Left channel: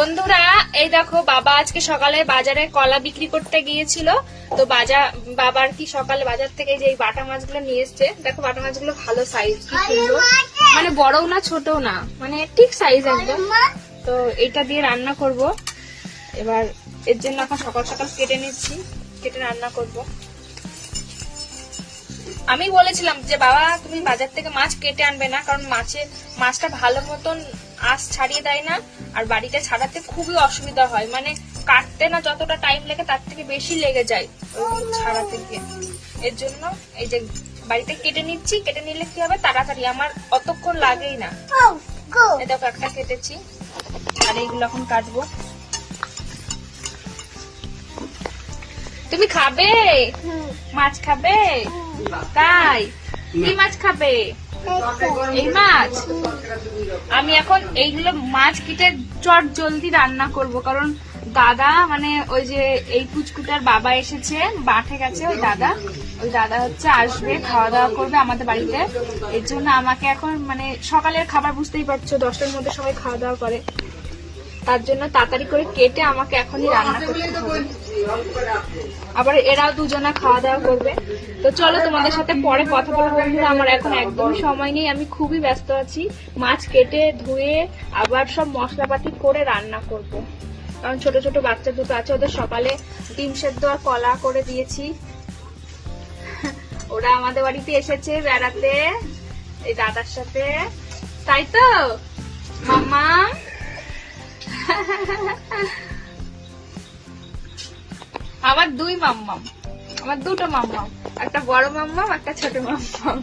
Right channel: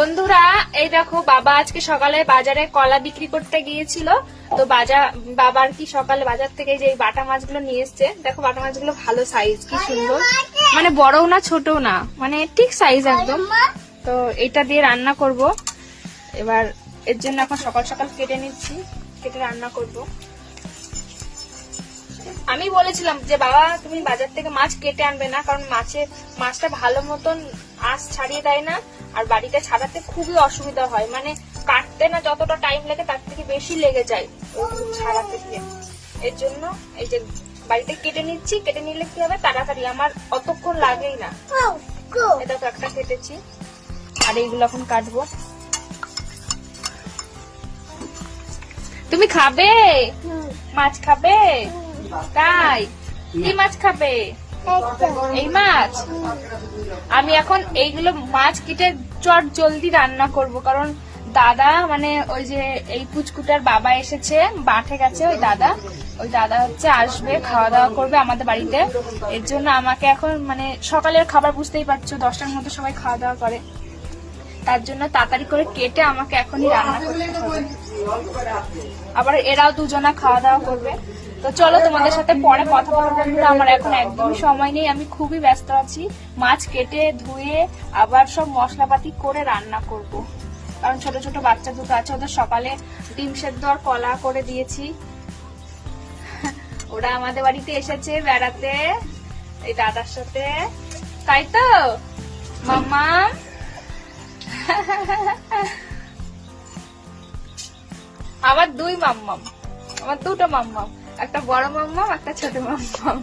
বন্ধুরা এই দেখো, বাবা আজকে সকালে বাজারে কলা বিক্রি করতে গিয়েছিল। তো বাবার কি সকালে বাজার থেকে যে বাটা মাছগুলো নিয়ে এসছে, দেখো বাটা মাছগুলো ভালো সাইজ, কি সুন্দর, মানে বড়ও না ছোটও না, মানে ঠিক সাইজ একদম। তো এটা দিয়ে রান্না করব এবার, এর জন্য এখন সকাল সকাল কেটে নিচ্ছি, কেটে রান্না করব। আমি বলেছিলাম যে বাবা তুমি বাজার থেকে মাছ কেটে আনবে না, কারণ মাছটা ভালো মতন আঁশ ছাড়িয়ে দেয় না, আর বাড়িতে ছাড়াতে খুবই অসুবিধা হয়, মানে কাটতে না যতটা টাইম লাগে তার থেকে বেশি লেগে যায় ওইগুলো ছাড়াতে গিয়ে। এর জন্য এই যে বাড়িতে কেটে নিচ্ছি, কেটে নিলে কি হবে তাড়াতাড়ি, আমার অতক্ষণ লাগেই না। এই দেখো একটা কেটেছি, আর এইগুলো এখন কাটবো। তুমি খাবে মাছ? খাবে? তাই কি মাছ খাবে? এই মাছ। আমি এখন এইগুলো মাছ কেটে চট জলদি রান্না করব, কারণ দাদা মানে ওই যে এই কুচকুটার বাবা এসেছে, মাঠে গেছে, ওই দাদা হচ্ছে আসবে, খাওয়া দাওয়া করবে আমাদের বাড়িতে। এর জন্য আমাকে এখন মানে সকালের খাবার বুঝতেই পারছো 10টার মধ্যে সবাই খাওয়া দাওয়া করে, তার জন্য তাড়াতাড়ি করে কেটে আমাকে এখনই রান্না করতে হবে। আবার এরাও দুজনা খাওয়া দাওয়া করবে। তো চলো তোমাদের সাথে পরে কথা বলবো বন্ধুরা, আমার এখন একদম সময় নেই, আমি খুবই ব্যস্ত আছি। মাছ কেটে ধুয়ে আবার সব মশলাপাতি করে রান্না করব, কারণ ছোট ছোট বাচ্চা দুটো আছে, ওদের সকালে ডিম সেদ্ধ আর কলা করে দিয়েছি। ওরা আমাদের বাড়িতে এসেছে বেড়াতে এই দাদার সাথে, তাই তো মাম্মা? আমার দুই মাম্মাম, আমার দুটো মাম্মাম, একটা বড় মাম্মাম একটা ছোট মাম্মাম।